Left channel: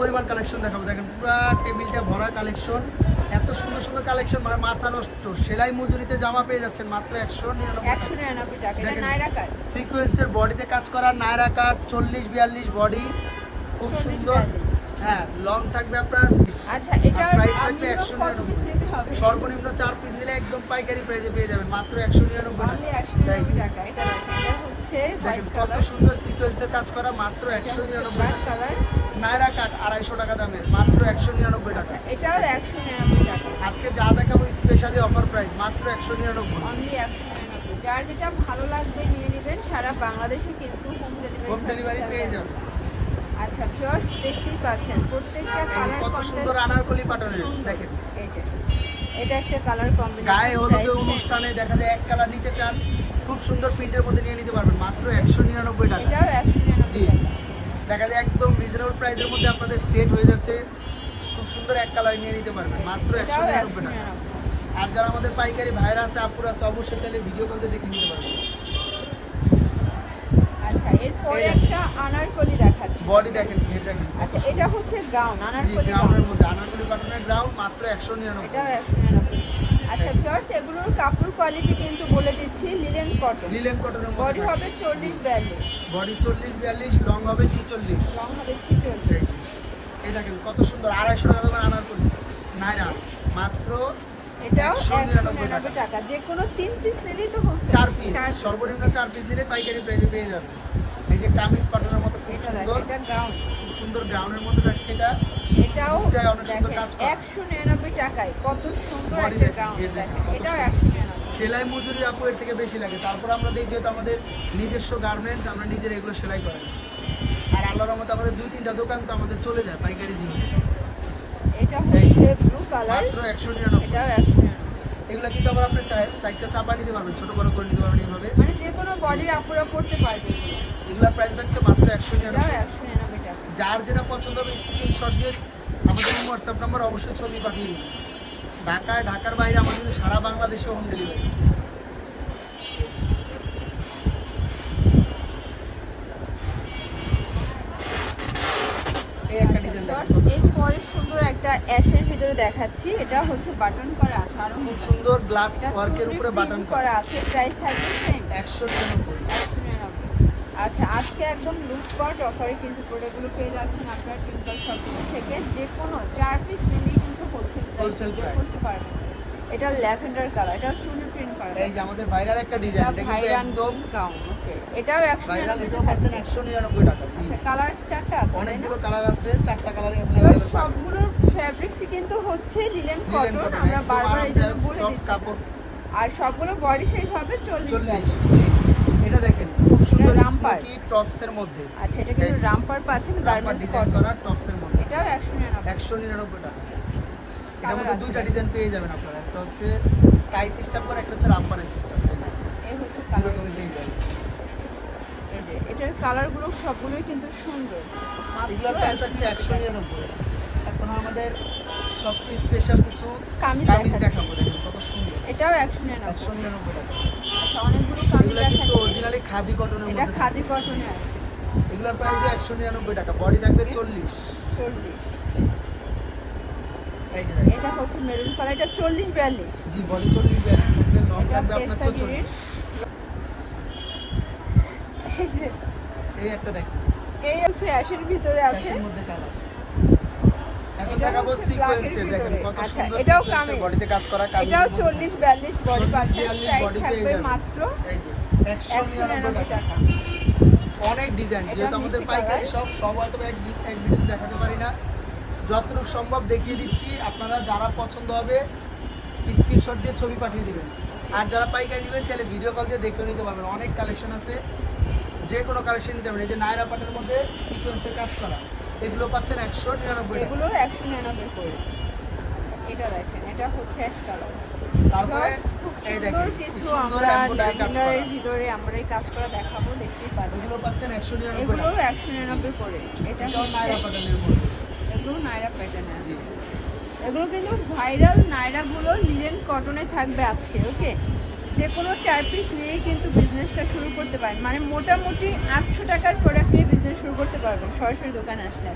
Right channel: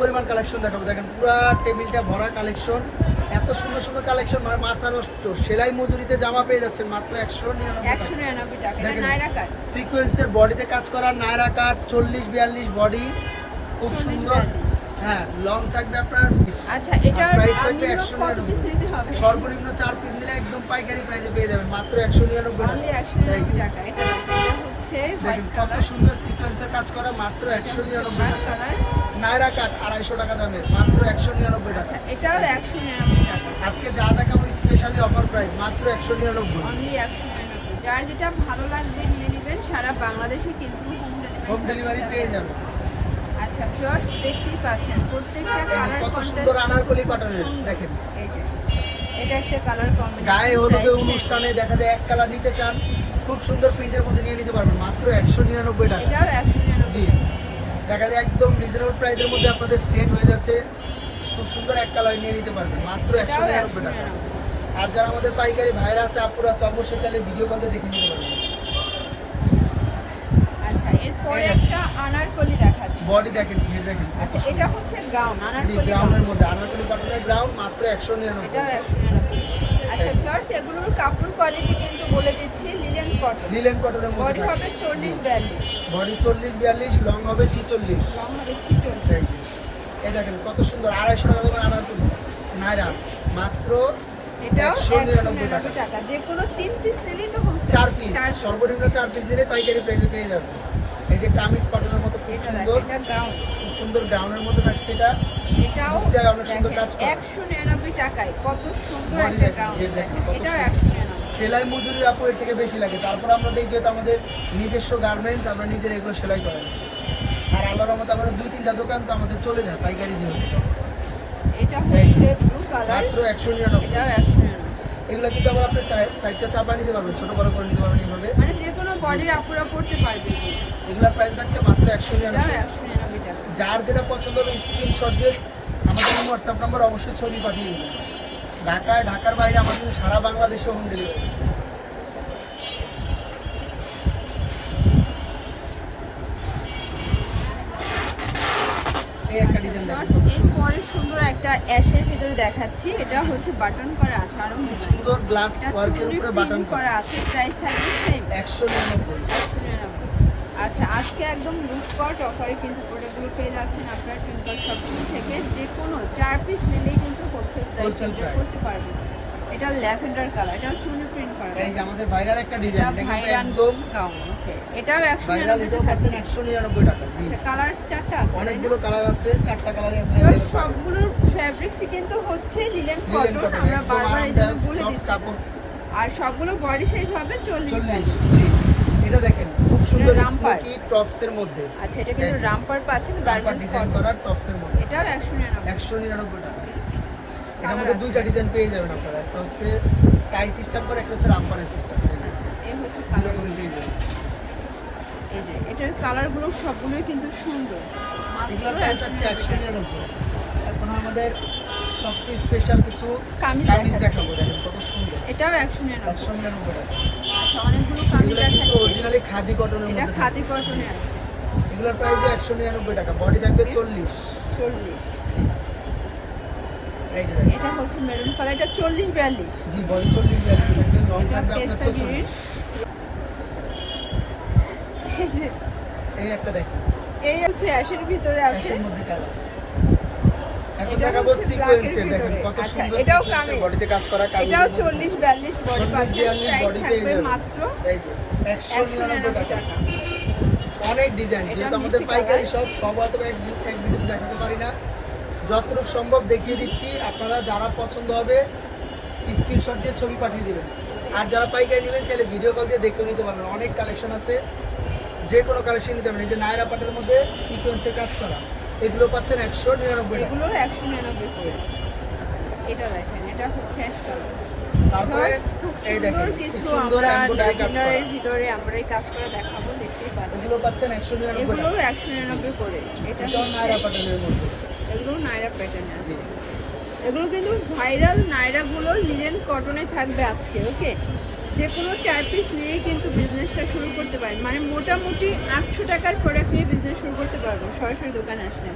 পরিমাণ কালেকশন দেখাবো। দেখেন পুরো টেবিলটা ভরা কালেকশন এত সুন্দর সুন্দর কালেকশন মানে মাথা নষ্ট। সেলাই মজুরিতে জামা পেয়ে যাচ্ছেন মাত্র একশো নিরানব্বই একশো টাকা। সিকোয়েন্সের বডিতে কাজ করা নায়রা কাট চল্লিশ বিয়াল্লিশ বডি খুব সুন্দর। হ্যাঁ লং থাকবে আপনার। আচ্ছা এটা price থাকবে 100 কত পিস নিতে হবে? সর্বনিম্ন চার পিস নিলে একদম পাইকারি প্রাইসে পেয়ে যাবেন। মাত্র একশো নিরানব্বই টাকা। কত সুন্দর সিকোয়েন্সের কাজ করা মাত্র একশো নিরানব্বই টাকা। নায়রা কাট আড়াইশো টাকা দামের মাত্র একশো নিরানব্বই টাকা। এটাও একশো আজকে যা দেখাবো স্পেশালি অফার প্রাইস মাত্র একশো নিরানব্বই। যার যেটা ভালো লাগবে নিয়ে নেবেন সারা বাংলাদেশে কিন্তু হোম ডেলিভারি পেয়ে যাবেন। আচ্ছা ফ্লোর্স দেখতেই পাচ্ছেন প্রত্যেকটা কত সুন্দর আনারকলি পাটনের দেখেন। এটা একটা কালার কম্বিনেশন গায়ে হলুদে অনুষ্ঠানে দেখা যায় এক কালার নিতে চান খুব সুন্দর প্রিন্টের মধ্যে নিয়ে নিতে পারবেন মাত্র একশো নিরানব্বই টাকা এটাও একশো জি দেখা যায় একদম প্রাইসের মধ্যে আপনাদের সেট হয়ে যাচ্ছে। খুব সুন্দর এক কালার নিয়ে নিতে পারবেন মাত্র একশো নিরানব্বই টাকা। আর যারা আমাদের পাইকারি ভাইরা আছে আপুরা আছে অবশ্যই তাহলে ভিডিও কলতে দেখে নিতে পারবেন। আচ্ছা বডি দেখেন দেখেন। আচ্ছা এটা হচ্ছে জি আনারকলি গ্রাউন্ডের মধ্যে আনারকলি গ্রাউন্ড মাত্র একশো নিরানব্বই। আচ্ছা ফ্লোর্স এগুলোর কাপড় কোয়ালিটি কিন্তু কটন লিলেন কটনের বডি হবে চল্লিশ বিয়াল্লিশ। বডি চল্লিশ বিয়াল্লিশ লং হবে ছিচল্লিশ। লং হবে ছিচল্লিশ। এই দেখেন কত সুন্দর আড়াইশো টাকা দামের আনারকলি নাইরা মাত্র টাকা। যে কোনো তিন পিস নিলেই তো চার পিস সর্বনিম্ন চার পিস দিলে পাইকারি প্রাইসে পেয়ে যাবে। এই যে কামিজ পাটনের মতো খুব সুন্দর খুব সুন্দর গ্রাউন্ডের মধ্যে থাকছে এটা। এটাও অনেক সুন্দর কাজ করা। একশো নিরানব্বই টাকায়। কত সুন্দর একটা গাউন। এটাও সেলাই মজুরি আপু এর থেকে বেশি লাগে। তারপর আমরা দেখি যেহেতু আমাদের নিজস্ব গার্মেন্টস আমরা নিজের এগুলো সেলাই করেন আর আল্লাহর রহমতে আমাদের দুই তিনটা দোকান তো আমাদের চলে যায় পাইকারি যেহেতু। মাত্র একশো নিরানব্বই। এগুলো কিন্তু আবার আপনি সাইডটা চাপা নিতে পারবেন ছোট বড় করে নিতে পারবেন এইভাবে মানে যে কোনো বডির আপুরা করতে পারবে। এগুলোর প্রাইস থাকছে মাত্র একশো নিরানব্বই। যার যেটা পছন্দ হবে স্ক্রিনশট দিয়ে আমাদের হোয়াটসঅ্যাপ নাম্বার অবশ্যই ছবি পাঠিয়ে দেবেন। ঢাকায় ঢাকার বাইরে আমাদের সারা বাংলাদেশে হোম ডেলিভারি একটা এরপরে সুন্দর একটা অ্যাশের ভিতরে দেখাচ্ছি। এটা হচ্ছে বাটন করা আছে। আরও খুব সুন্দর গ্লাস ওয়ার্কের উপরে বাটন করা। আছে। প্রাইস থাকবে সেম আচ্ছা আজকে একদম লুটপাট অফারে কিন্তু প্রোডাক্টগুলো পেয়ে যাচ্ছেন আপনার। টুনকার শপ হোলসেল। করতে পারবেন এটা ল্যাভেন্ডার কালার এটা ছোট প্রিন্ট করা এই যে আমাদের ভাইরাল একটা ডিজাইন এটা কিন্তু একদম গাউন এটাও ভাইরাল পাচ্ছেন টাকা জি। কালার চারটা আছে অনেকগুলো কালার আছে চারটা কিন্তু হচ্ছে কটন আমরা বারবার বলে কাপড়। আর সবগুলো বডি সাইজ হবে চল্লিশ। চল্লিশ এটা দেখেন খুব সুন্দর মধ্যে। আচ্ছা এটা কিন্তু রামপার পাচ্ছেন গার্মেন্টস মধ্যে। টাকা। এটার মধ্যে দুইটা ডিজাইন পেয়ে যাবেন আপনারা। একটা হচ্ছে টাই সিস্টেম করে একটা হচ্ছে রামপারের সিস্টেম এটার কালারগুলো সবগুলোই কিন্তু সুন্দর। এখন আমাদের সবচেয়ে স্পেশাল কিছু কামিজ দেখাবো। দেখেন কত সুন্দর। এটাও নিরানব্বই। টাকা। আচ্ছা অনেকগুলো কামিজ কিন্তু অরিজিনালি খাদি কটনের মধ্যে খাদি কটনে আছে এগুলোর প্রাইস একশো নিরানব্বই টাকা বডি থাকবে চল্লিশ। চল্লিশ। এই যে দেখেন। এটা হচ্ছে মেরুন কালার এটা চল্লিশ বিয়াল্লিশ। জি বডি চল্লিশ এই একটা দেখেন এই অ্যাশের ভিতরে আছে। এখন দেখাবো হচ্ছে দেখেন কত আচ্ছা, সুন্দর এটাও সিকোয়েন্সের বডিতে কাজ করা কামিজ এটাও চল্লিশ বিয়াল্লিশ বডি চল্লিশ, পাচ্ছে। বিয়াল্লিশ প্রাইস body পেয়ে থাকবে যাবে। মাত্র এই যে একশো একশো নিরানব্বই নিরানব্বই টাকা। টাকা। অনেক ডিজাইন যেহেতু আমাদের পাইকারি সব সব হয়তো এক ভিডিওতে দেখাতে পারি না। যতটুকু সম্ভব দেখিয়ে দিচ্ছি আপনারা যারা পছন্দ হবে স্ক্রিনশট দিয়ে ছবি পাঠিয়ে দেবেন। আর যারা পাইকারি নেবেন চাইলে ভিডিও কল দিয়ে দেখেও নিতে পারবেন। অনেক কালেকশন আছে। যে কোনো কালেকশন নিতে পারবেন এই যে নায়রা পাটের মধ্যে সিকোয়েন্সের কাজ করা। এগুলো পাচ্ছেন একশো নিরানব্বই এগুলো একশো নিরানব্বই এটা দেখেন এটা হচ্ছে এক তারপরে এই সুন্দর দেখেন সুন্দর এমব্রয়ডারি কাজ করা। ভিতরে আমরা এই কাজ করা দেখাবো দেখতেই এগুলো পাচ্ছেন একশো নিরানব্বই এগুলো একশো করে। এটা নায়রা পাটের মধ্যে। এগুলো নাইরা প্যাটার্ন জি এগুলো কিন্তু ভাইরাল নাইরাগুলো লিনেন কটনে থাকবে আজকে ওকে যে কোনো চার পিস নিয়েই কিন্তু বিজনেসটা শুরু করতে পারেন। মানে মোটামুটি আটশো টাকার প্রোডাক্ট নিয়ে বিজনেস শুরু করতে পারবেন সরাসরি দোকানে আসলে।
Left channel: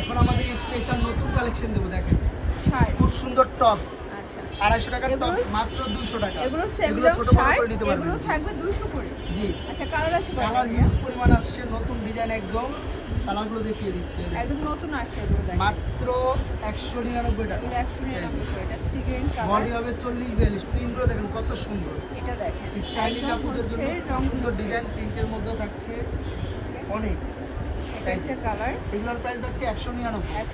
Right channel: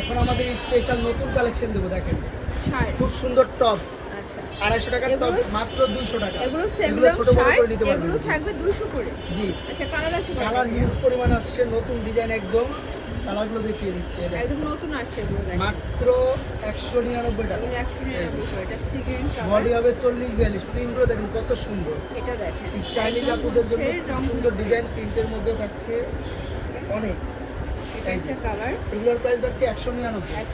এখন আমাদের স্পেশাল নতুন কালেকশন দেবো দেখেন। শার্ট খুব সুন্দর টপস আচ্ছা। আড়াইশো টাকার টপস মাত্র দুশো টাকা। এগুলো ছোট বড় করে নিতে পারবেন। থাকবে 200 করে। জি। আচ্ছা কালার আছে কালার হিউজ পরিমাণ আসছে নতুন ডিজাইন একদম। কালারগুলো দেখিয়ে দিচ্ছি। মাত্র একশো নিরানব্বই টাকা। 199 এটা। বডি হবে চল্লিশ বিয়াল্লিশ। প্রিন্টগুলো দেখুন কত সুন্দর। এটা। স্টাইলিশ আপুদের জন্য হচ্ছে সুন্দর ডিজাইন প্রিন্টের মধ্যে থাকছে অনেক। এটা এগুলোর প্রাইস যাচ্ছে একশো নিরানব্বই।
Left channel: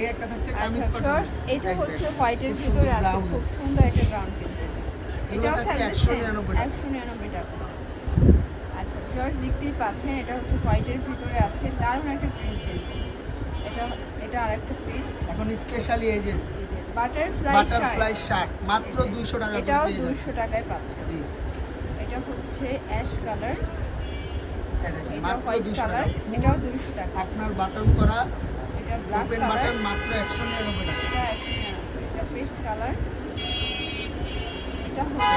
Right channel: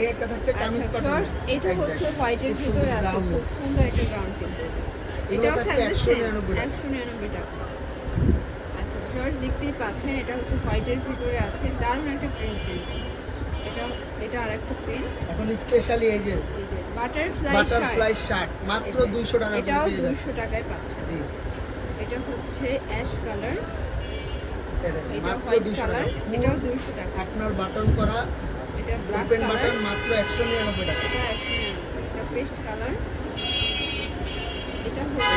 এই একটা থাকছে কামিজ আচ্ছা, এটা হচ্ছে হোয়াইটের ভিতরে আছে। খুব সুন্দর একটা ব্রাউন থাকছে একশো same, নিরানব্বই টাকা। 199 টাকা। আচ্ছা পাচ্ছেন এটা হচ্ছে হোয়াইটের ভিতরে আছে। দারুণ একটা প্রিন্ট এটা এটা আরেকটা প্রিন্ট এখন স্পেশালি এই যে বাটারফ্লাই বাটারফ্লাই শার্ট মাত্র দুইশো টাকা করে এটাও পেয়ে যাচ্ছে দুশো টাকায় পাচ্ছে জি। এটা হচ্ছে অ্যাশ কালার মাত্র হোয়াইট দুইশো কালার টাকা। এটাও দুশো টাকা। আপনার বাটন করা ওপেন বাটন মাত্র একশো নিরানব্বই টাকা। এটা পেস্ট কালার এটা হচ্ছে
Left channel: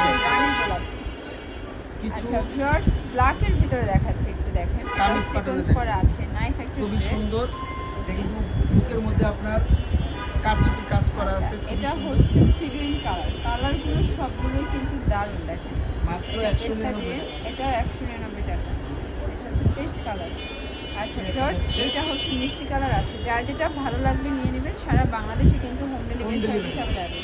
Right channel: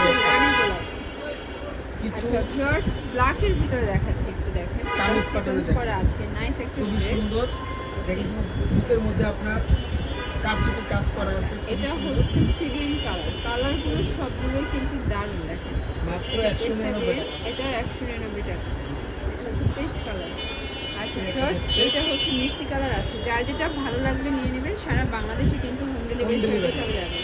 কিছু আচ্ছা ব্ল্যাকের ভিতরে দেখাচ্ছি। কামিজ নাইস একটা খুবই সুন্দর। বুকের মধ্যে আপনার কাপচুপি কাজ করা আছে খুবই এটা সুন্দর। কালারগুলো সবগুলো কিন্তু দারুণ দেখেন। মাত্র একশো নিরানব্বই টাকা। এটা একশো নিরানব্বই টাকা। পেস্ট কালার আচ্ছা ফার্স্ট এটা হচ্ছে মিষ্টি কালার আছে। যার যেটা ভালো লাগবে নিয়ে নেবেন সারা বাংলাদেশে কিন্তু হোম ডেলিভারি।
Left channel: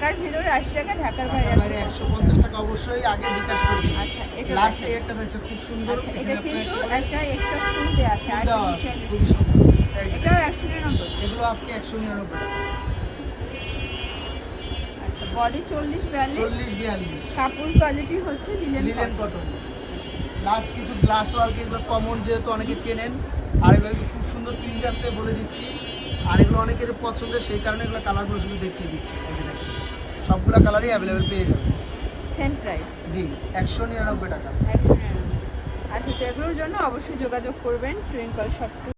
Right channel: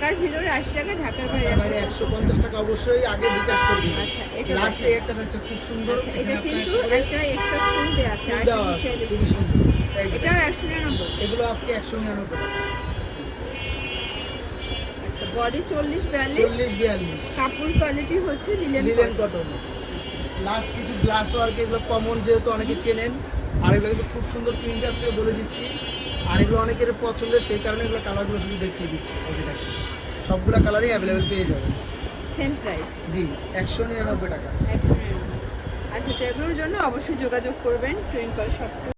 ঢাকার ভিতরে আশি টাকা ঢাকার বাইরে আমার একশো পঞ্চাশ টাকা অবশ্যই আগে বিকাশ করে দিন। আচ্ছা, এটা লাস্ট একটা হচ্ছে খুব সুন্দর এগুলো আজকে একশো নিরানব্বই টাকা। বডি চল্লিশ বিয়াল্লিশ। চল্লিশ বিয়াল্লিশ। কাপড় কোয়ালিটি হচ্ছে লিলেন কটন লাস্ট কিছু গ্লাস ওয়ার্ক এগুলো কমন যেহেতু অনেকে চেনেন আর এগুলো কিন্তু খুব সুন্দর প্রিন্ট আছে বলে দিচ্ছি। আর এগুলো অনেকের পছন্দের সেই কারণে এগুলো কালারগুলো শুধু দেখিয়ে দিচ্ছি সবগুলো কালারই অ্যাভেলেবেল পেয়ে যাবেন। সেম প্রাইস জি একশো নিরানব্বই টাকা। আচ্ছা এগুলোর জন্য অবশ্যই যোগাযোগ করবেন টুইঙ্কল শপ